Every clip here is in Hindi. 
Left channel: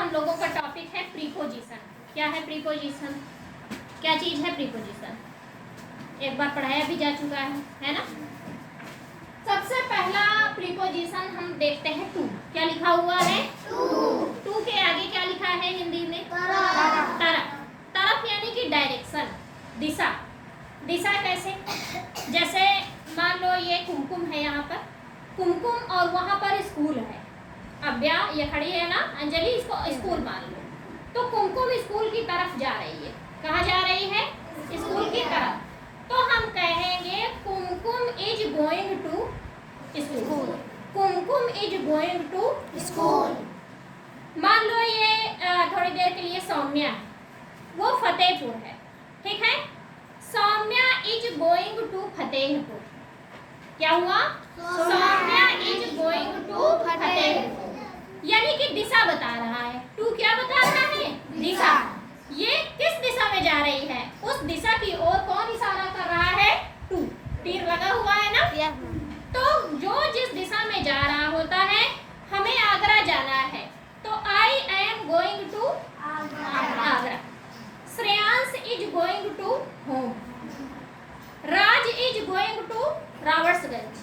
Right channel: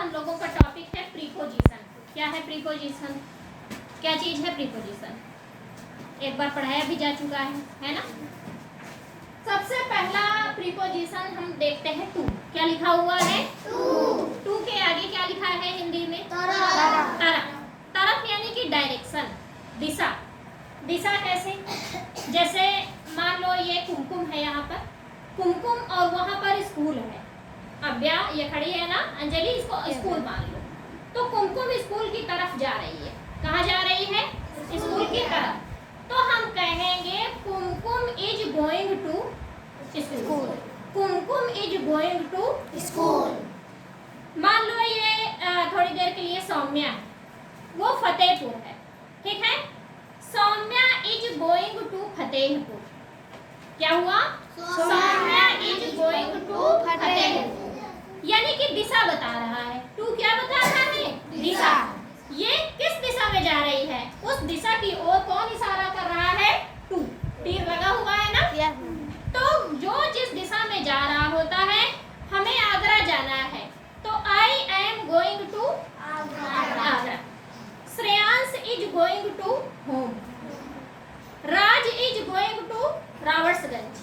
हम लोगों का टॉपिक है प्रीपोजिशन। क्या है प्रीपोजिशन? क्या चीज है प्रीपोजिशन? एक बार पढ़ाया भी जा चुका है ना। सबसे पहला प्रीपोजिशन हम देखते हैं टू। क्या लिखा हुआ है? टू के आगे क्या लिखा है हिंदी में? तरफ। तरफ यानी कि डायरेक्शन, दिशा। दिशा कैसे? जैसे मान लो ये कुमकुम है, यहाँ पर कुमकुम और वहां पर स्कूल है। अव्या ये खड़ी है ना, अंजलि, इसको स्कूल मान लो। तो कुमकुम स्कूल की तरफ जा रही है। कहाँ जा रही है? स्कूल की तरफ। तो हम कहेंगे Kumkum is going to school. Kumkum is going to school. मान लो ये थोड़ी देर के लिए सौम्या, वो फतेहपुर है, ठीक है। Saumya is going to Fatehpur. क्या हुआ? Saumya is going to Fatehpur, यानी कि दिशा बता रहा है। टू क्या बता रहा है? दिशा। ये किस दिशा में जा रही है? उस दिशा की ओर कौन इशारा कर रहा है? टू। तीर लगा हुआ है ना? तो जो जिस दिशा में जा रहा होता है, हमें आगरा जाना है, तो I am going to Agra. Shreyansh is going to home. Raj is going to Robertsganj.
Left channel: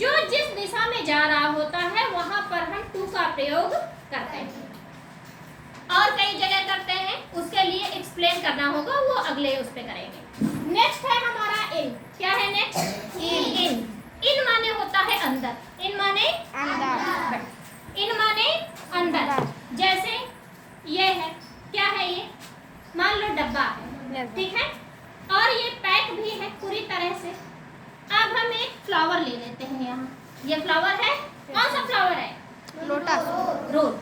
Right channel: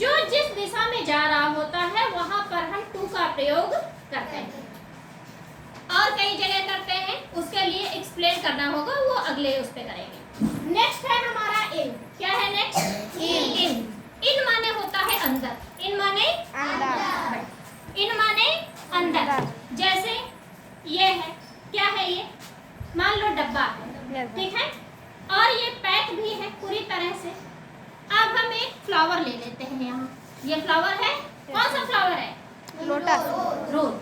जो जिस दिशा में जा रहा होता है वहां पर हम टू का प्रयोग करते हैं, और कई जगह करते हैं। उसके लिए एक्सप्लेन करना होगा, वो अगले उस पे करेंगे। नेक्स्ट है हमारा इन। क्या है नेक्स्ट? इन। इन माने होता है अंदर। इन माने अंदर। इन माने अंदर। जैसे ये है, क्या है ये? मान लो डब्बा है, ठीक है, और ये पैक भी है पूरी तरह से। अब हम एक फ्लावर ले लेते हैं यहाँ। ये फ्लावर है, कौन सा फ्लावर है? लोटस, रोज।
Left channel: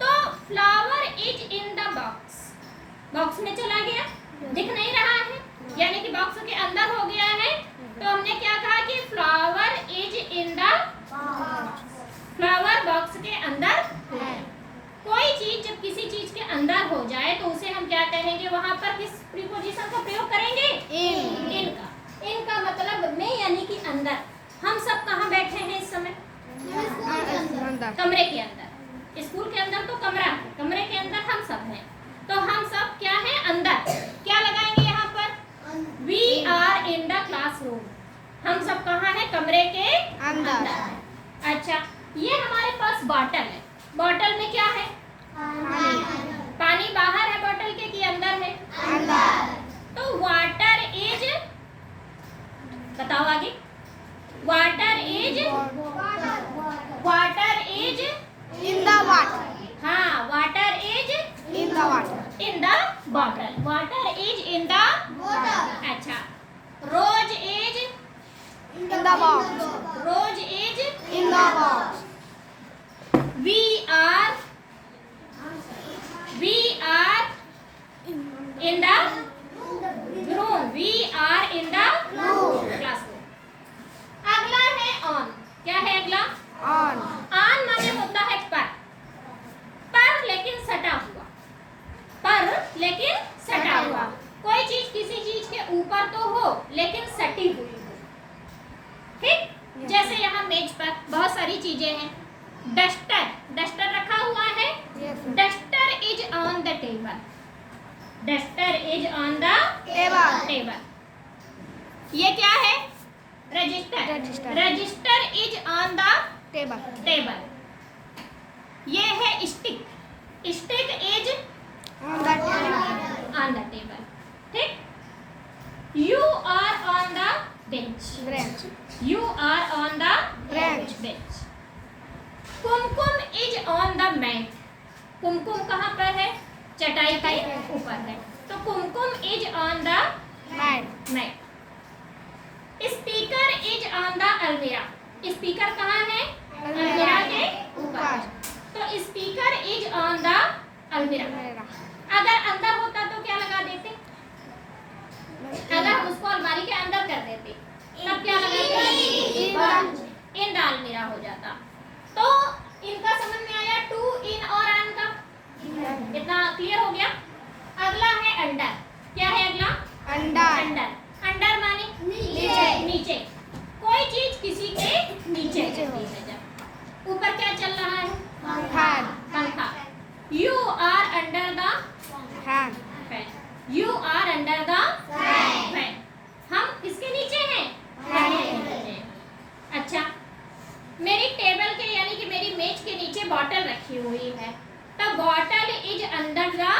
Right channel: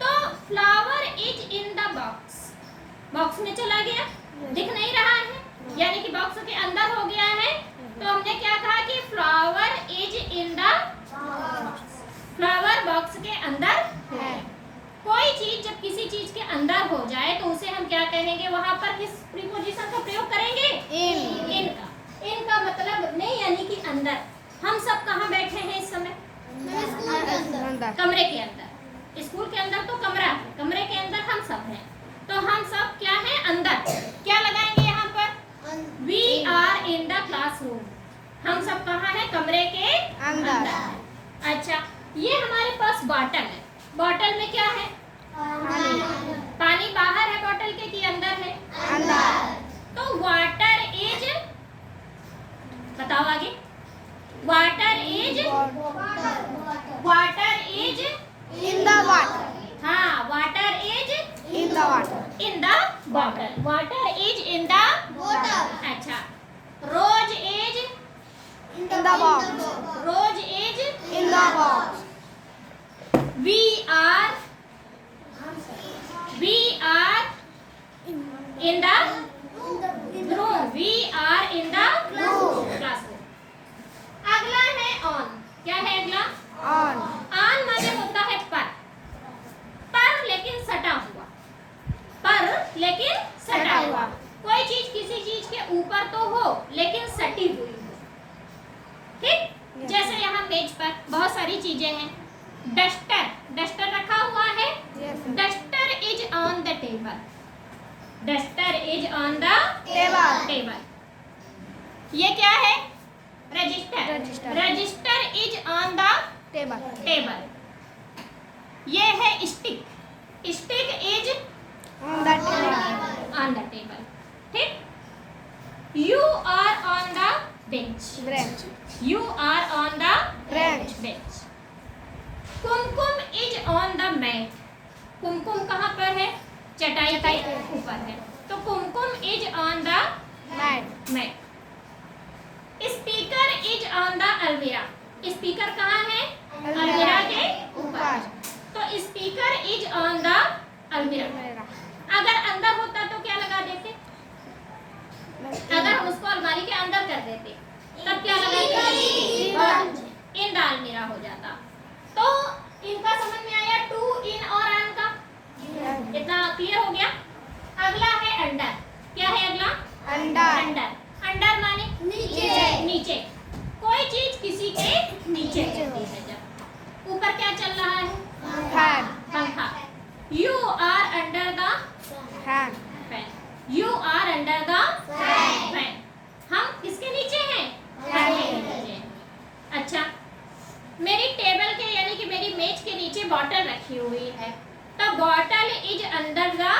तो flower is in the box. Box में चला गया, दिख नहीं रहा है, यानी कि बॉक्स के अंदर हो गया है। तो हमने क्या कहा कि flower is in the flower box के अंदर है। कोई चीज जब किसी चीज के अंदर हो जाए तो उसे हम क्या कहेंगे? वहां पर किस प्रीपोजिशन का प्रयोग करेंगे? इन का। इन का मतलब नहीं, यानी कि अंदर। हम सब कहाँ बैठे हैं इस समय? कमरे के अंदर। स्कूल के अंदर तो कमरा है, कमरे के अंदर हम सब हैं। तो हम सब क्या है? अंदर। क्या लगाएंगे यहाँ पर? We are in the classroom. हम सब कहाँ है? कमरे के अंदर। अच्छा, ये हमारे पास बॉटल है। बॉटल में क्या है? पानी बाहर है बॉटल के कि अंदर है? अंदर। तो वाटर इज, बताओ आगे। Water is in the water. हाँ, water is in the water. In the bottle. Water is in the bottle. अच्छा, rose is in the box. Rose is in the box. We are in the room. We are in the classroom. अगला है on। क्या है अगला? on। on माने होता है पर लेकिन सटा हुआ। पर लेकिन सटा हुआ। कोई चीज किसी चीज के ऊपर तो हो लेकिन सटी हुई हो, ठीक। जैसे यहाँ मेज पर बहुत सारी चीजें हैं। डस्टर, डस्टर रखा हुआ है। Duster is on the table. Duster is on the table. ये क्या है? Register. Register is on the table. ये है stick. Stick is on the table, ठीक। You are on the bench. You are on the bench. Kumkum is on the mat. Kumkum कहाँ पर है? चटाई के ऊपर है। तो Kumkum is on the mat. Speaker is on the almirah. Speaker कहाँ है? अलमीरा के ऊपर। तो स्पीकर इज ऑन द अलमीरा। अगर अंदर होता तो क्या लगा देते? अगर हम उसको अलमारी के अंदर कर देते तब क्या लगाते? इन द अलमीरा हो जाता। तो इनका समझ में आया, टू, इन और ऑन का। इतना क्लियर हो गया। अगला है अंडर। क्या है अगला? अंडर। अंडर माने नीचे। कोई चीज किसी के नीचे होती है। जब ऊपर क्या चल रहा है? पंखा। You are under the fan. Fan. You are under the fan. हम किसके नीचे हैं? फैन के नीचे। अच्छा, मेरी टेबल के यानी कि मेरी मेज के नीचे बॉटल रखी हुई है, तो bottle is under the,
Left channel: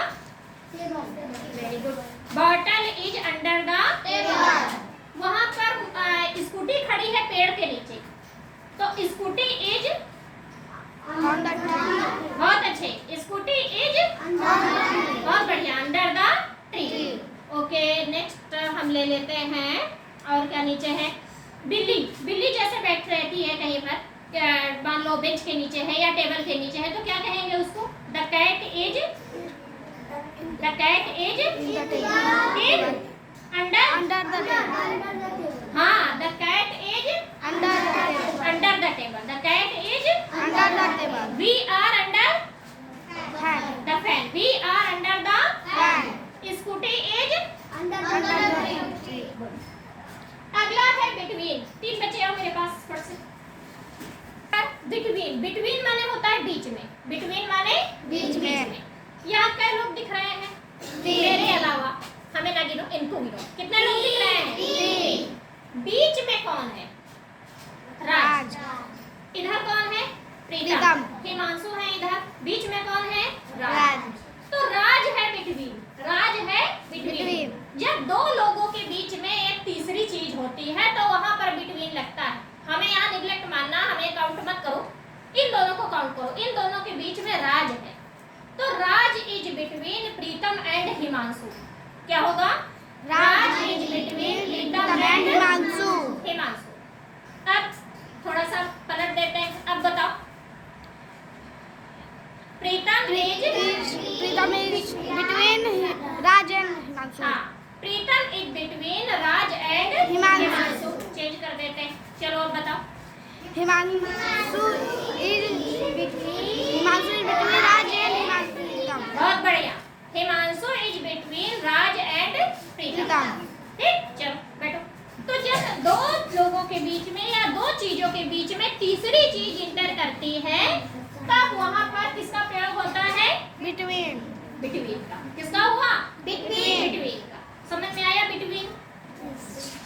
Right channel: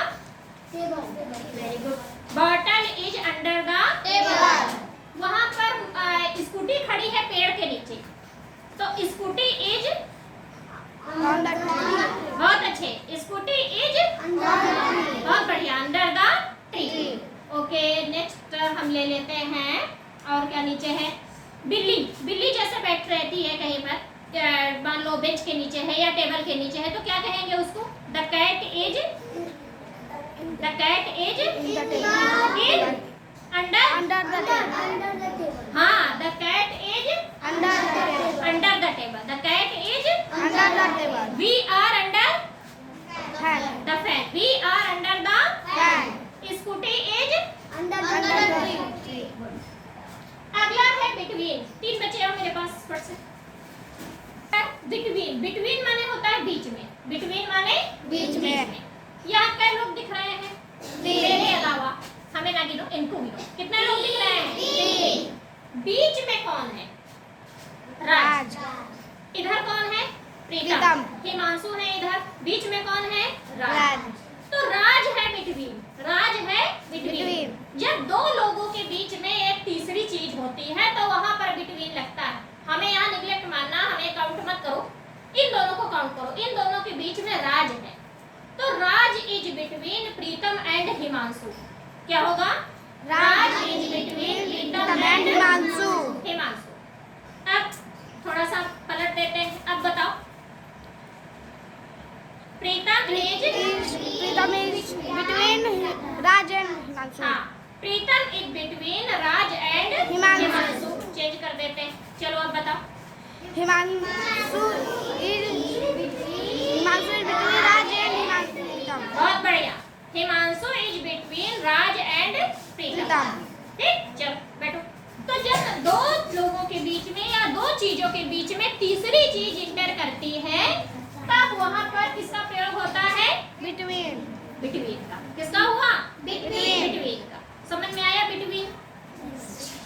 very good, bottle is under the table. वहां पर स्कूटी खड़ी है पेड़ के नीचे, तो scooty is on the tree. बहुत अच्छे, स्कूटी इज बहुत बढ़िया, under the tree. Okay, next हम ले लेते हैं, और क्या नीचे है? बिल्ली। बिल्ली जैसे बैठ रहती है कहीं पर, मान लो बेंच के नीचे है या टेबल के नीचे है, तो क्या कहेंगे उसको? The cat is, the cat is the table. Under the table. हाँ, the cat is under the table. Under the table. The cat is under the table. We are under fan. The fan. We are under the fan. Scooty is under the tree. अगला है बिटवीन। 3 बचे हो मेरे पास, फट से। बिटवीन, बिटवीन माने होता है बीच में, बिटवीन माने बीच में। यहाँ कई लोग दिख रहे हैं? 3। मेरे अलावा, हमें ना गिनो, इनको गिनो, कितने लोग दिख रहे हैं? 3। बीच में कौन है? राज। इधर कौन है? प्रीतम। हिमांशु है इधर। बीच में कौन है? राज। तो राज है बिटवीन, राज है बिटवीन। जब 2 लोगों के बीच में एक तीसरी चीज होती है तो वहां पर बिटवीन लगता है। हमें यहाँ निगलेक्ट मानना, हमें काउंट मत करो, इन दोनों को काउंट करो। इन दोनों के बीच में राज है, तो Raj is between Pritam and Himanshu. क्या होगा? Raj is between Pritam and Himanshu. Himanshu. अब थोड़ा सा पलट देते हैं, अब बताओ। Pritam is between Raj and Himanshu. हाँ, Pritam is between Raj and Himanshu. Himanshu. Change कर देते हैं, चलो अब बताओ। Himanshu is between Raj and Pritam. बहुत बढ़िया, Himanshu is between Raj and Pritam. ठीक, चलो बैठो। तो जब 2 लोगों के बीच में या 2 चीजों के बीच में तीसरी चीज इंटर करती है, तब वहां पर किसका प्रयोग होता है? बिटवीन। बिटवीन का। किसका हुआ? बिटवीन। बिटवीन का। समझ में आया बिटवीन?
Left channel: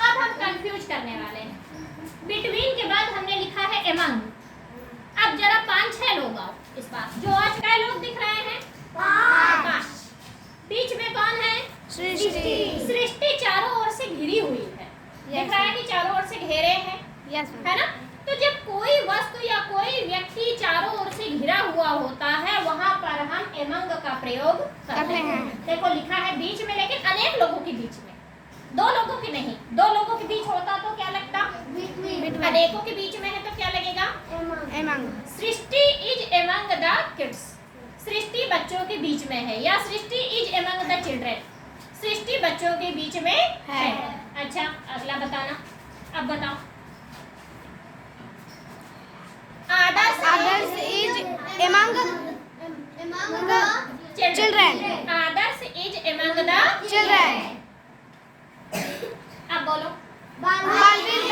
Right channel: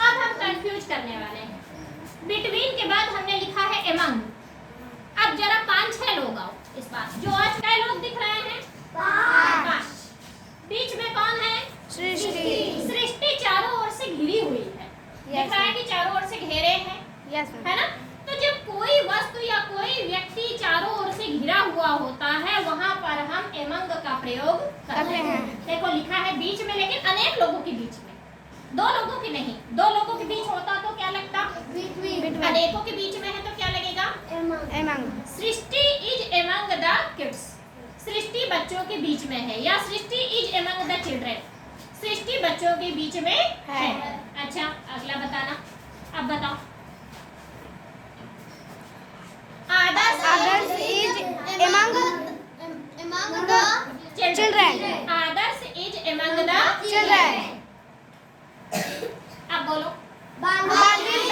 अब हम कंफ्यूज करने वाले हैं। बिटवीन के बाद हमने लिखा है एमंग। अब जरा 5-6 लोग आओ इस बार, जो आज कई लोग दिख रहे हैं? 5। बीच में कौन है? सृष्टि। सृष्टि चारों ओर से घिरी हुई है। दिख रहा है कि चारों ओर से घेरे हैं, यस है ना? तो जब कोई वस्तु या कोई व्यक्ति चारों ओर से घिरा हुआ होता है, वहां पर हम एमंग का प्रयोग करते हैं। देखो लिखा है बीच में, लेकिन अनेक लोगों के बीच में, 2 लोगों की नहीं। 2 लोगों के बीच होता तो क्या लगता? बिटवीन। अनेकों के बीच में है तो क्या लगेगा? Among. Srishti is among the kids. सृष्टि बच्चों के बीच में है, या Srishti is among the children. Srishti बच्चों के बीच में है। अच्छा, अगला बताना। अब बताओ। Others is among the children. Others is among the Children. अब बोलो। Balveer is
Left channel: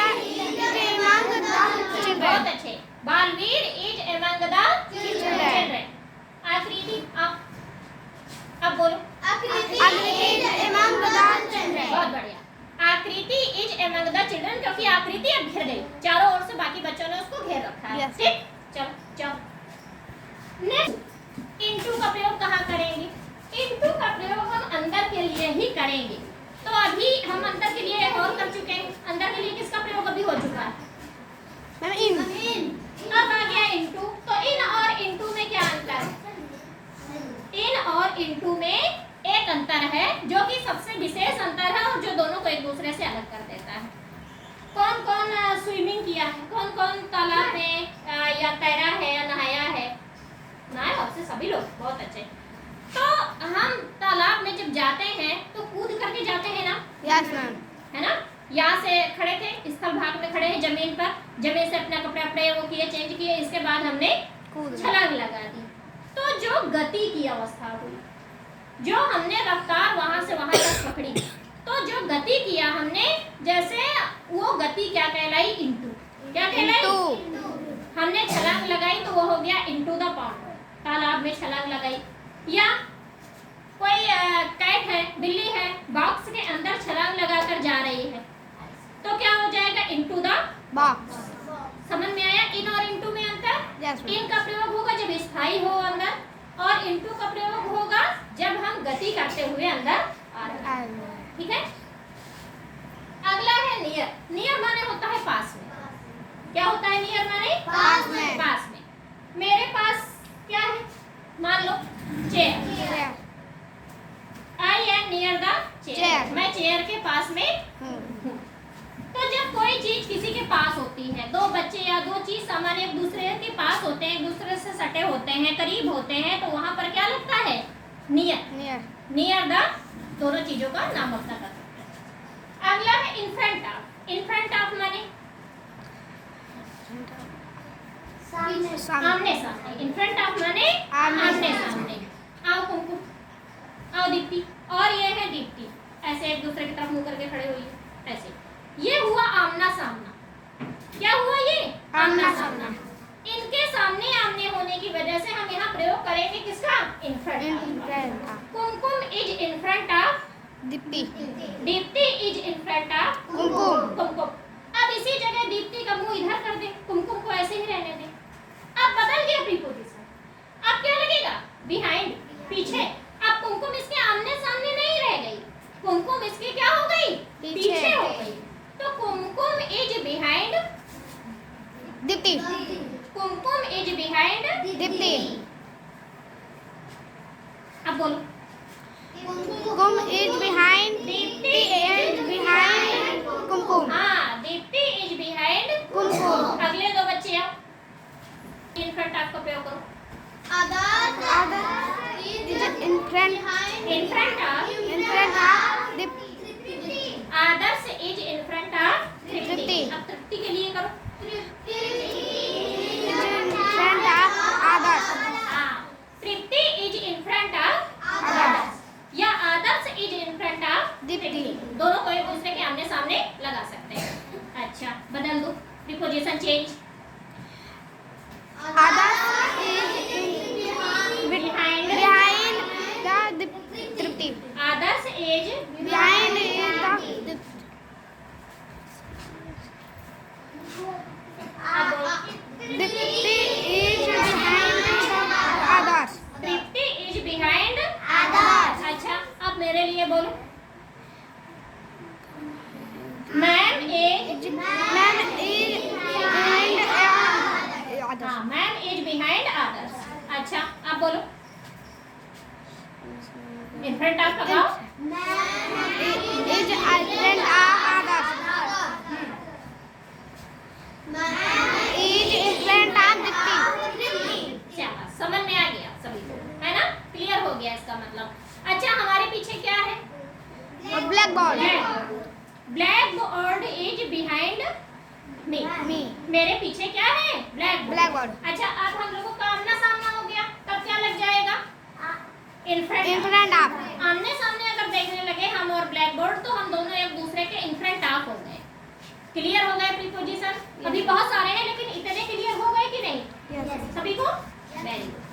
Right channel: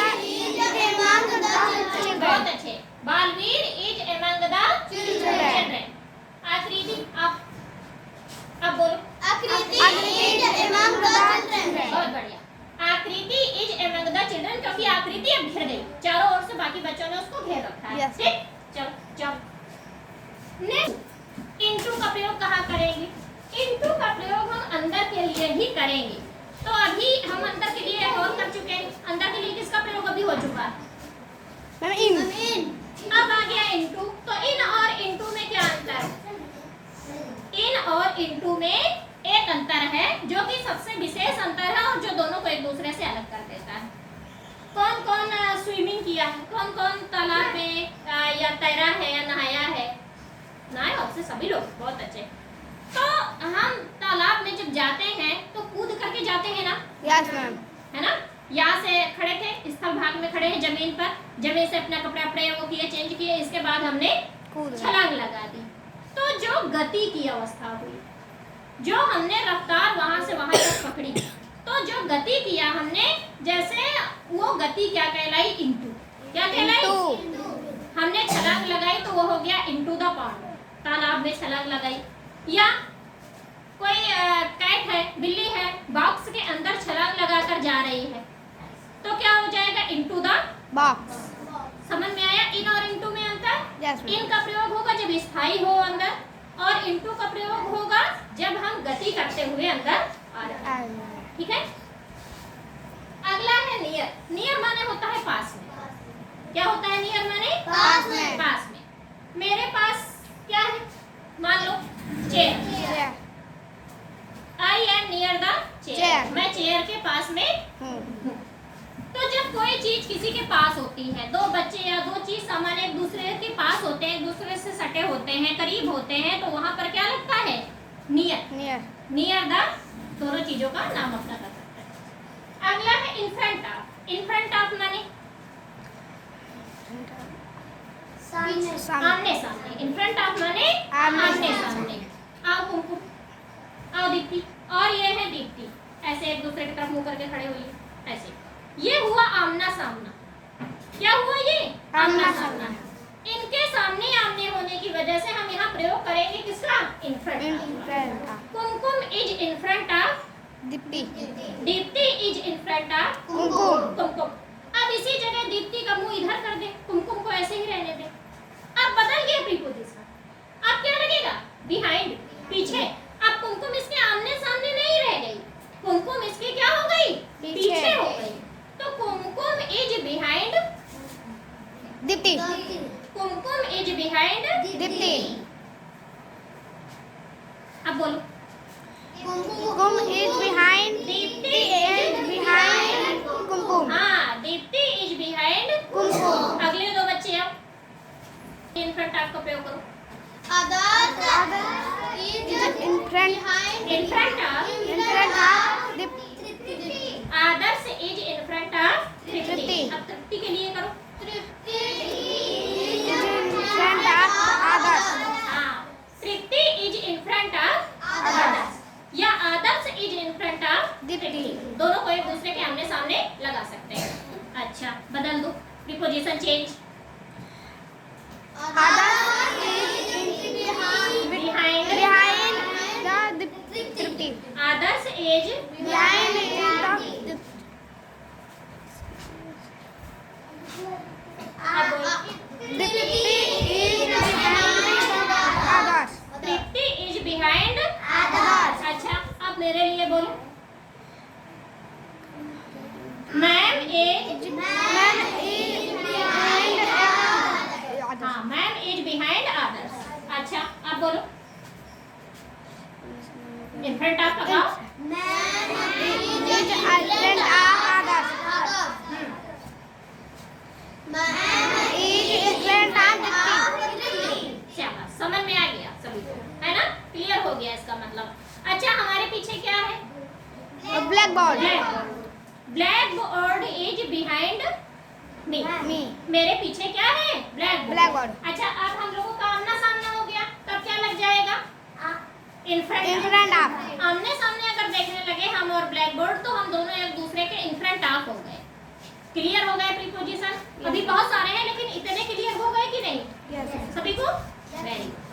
among the बहुत children. अच्छे। Baalveer is among the children. आकृति अब बोलो। Akriti is among the children. बहुत बढ़िया। आकृति इज among the children, क्योंकि आकृति अब घिर गई चारों ओर से, बाकी बच्चों ने उसको घेर रखा है। Yes. ठीक, चलो चलो। नेक्स्ट, इनटू का प्रयोग कहाँ करेंगे? इनटू का प्रयोग हम अंदर के लिए ही करेंगे। तो अभी हम अंदर के लिए और कर चुके हैं। अंदर के लिए किसका प्रयोग अभी हो चुका है? In. अब आ गया इनटू। तो इन और इनटू में क्या अंतर है? इन और इनटू में एक अंतर है, जो कि सबसे विशेष अंतर है और जो दोनों को एक दूसरे से अलग कर देता है। कौन कौन स्विमिंग किया है? कौन कौन तालाब में या तैरा है या नहाया है? नहाया आपसे सभी लोग, बहुत अच्छे। तो हम तालाब में जब जाते हैं तो कूद करके जाते हैं ना? Yes, ma'am. है ना? यहाँ से खड़े थे, स्थल भाग में खड़े हैं जमीन पर, जमीन से अपना कपड़े अपने वो किए, चेंज किए, इसके बाद हमने छलांग लगा दी। तो जो गति की अवस्था हुई, जो हमने रफ्तार वहां से वहां तक पकड़ी, तो जो गति किया हमने, जैसे वो गति क्या कहलाई? इनटू। क्या कहलाई? हमने छलांग लगाई तो वो हो गया इनटू द पॉन्ड। तालाब में छलांग लगाई, या कोई कैट है, बिल्ली है, बॉक्स के अंदर छलांग लगाकर जा रही है, तो क्या हो जाएगा? Into the box. समझ में आया इन और इनटू में अंतर? Yes ma'am. इन का प्रयोग होगा जब स्थाई हो अंदर, और इनटू का प्रयोग होगा जब हम गति करते हुए अंदर आ रहे हैं। ठीक है। अगला है नियर। नियर माने होता है पास में। क्या होता है नियर माने? पास में। पास में। मेरे पास क्या है? मान लो chair. Chair. I am near the chair. Chair. मैं चेयर के पास में हूँ। तो जब कोई चीज किसी के पास होती है, दो बच्चे या दो चीज सामान एक दूसरे के पास होते हैं, एक दूसरे से सटे होते हैं, करीब होते हैं, तो वहां पर क्या लगता है? नियर। नियर। नियर द दोनों चीजों का नाम अपना कर सकते हैं। अगला है इन front of. In front of माने सामने। आमने सामने। इन फ्रंट ऑफ माने आमने आमने सामने। आओ कुमकुम, आओ दीप्ति, और ये है दीप्ति, ऐसे एक दूसरे की तरफ मुंह करके खड़े हुई है, ऐसे। ये हुआ आमना सामना। क्या हुआ ये? आमना सामना। इनके सामने आमने होने की वजह से हम यहाँ प्रयोग करेंगे किसका? In front in of. Front of. Kumkum is in front of Dipti. Dipti is in front of Kumkum. Kumkum. अब इसी जगह दीप्ति का मुंह इधर कर दे, कुमकुम को ऐसे ही रहने दे। अब बदल गया प्रीपोजिशन। अब क्या लगेगा? बिहाइंड, पीछे। अब कुमकुम इसके आमने सामने नहीं रह गई, कुमकुम इसके क्या हो गई? पीछे हो गई। तो Kumkum is behind Dipti. Kumkum is behind Dipti. अब बोलो। Kum is behind Dipti and behind Kumkum. हाँ, दीप्ति इज बिहाइंड कुमकुम। अगले दो बच्चे आओ, इन फ्रंट ऑफ का प्रयोग करो। Other is in front of Dipti. Adarsh is in front of Tripti. Tripti. अब तृप्ति के लिए करो। Is in front of others। हाँ, Tripti is in front of Others। या Adarsh is in front of Dipti. दोनों को एक दूसरे के आमने सामने लगा सकते हैं। अच्छा, बदल दो, preposition change. Others is behind the Tripti. Adarsh is Behind is the अब बोलो। Deepti is behind the others। Tripti is behind Others। अच्छा, अब मेरे लिए बोलो। Ma'am is Man is behind others। हाँ, मैम इज बिहाइंड अदर्स। अच्छा, अब बोलो। इन फ्रंट ऑफ लगाओ। Is in front of others। Is in front of Deepti. शाबाश, समझ में आ गया सभी को, है ना? क्लियर हो गया इसका मतलब। अच्छा, हमारे पीछे क्या है? Black board. Black board is behind me. मेरे पीछे क्या है? Black board. अच्छा, अब हम लोगों का आमना सामना हो गया, तब क्या लग जाएगा? इन In फ्रंट। front of। आमने सामने अगर देखने लगे हम और ब्लैक बोर्ड, तो हम दोनों एक दूसरे के इन फ्रंट ऑफ हो गए। क्लियर हो गए प्रीपोजिशन? अभी बहुत सारे हैं, लेकिन इतने क्लियर हो गए कि नहीं Yes। सभी को? Very good.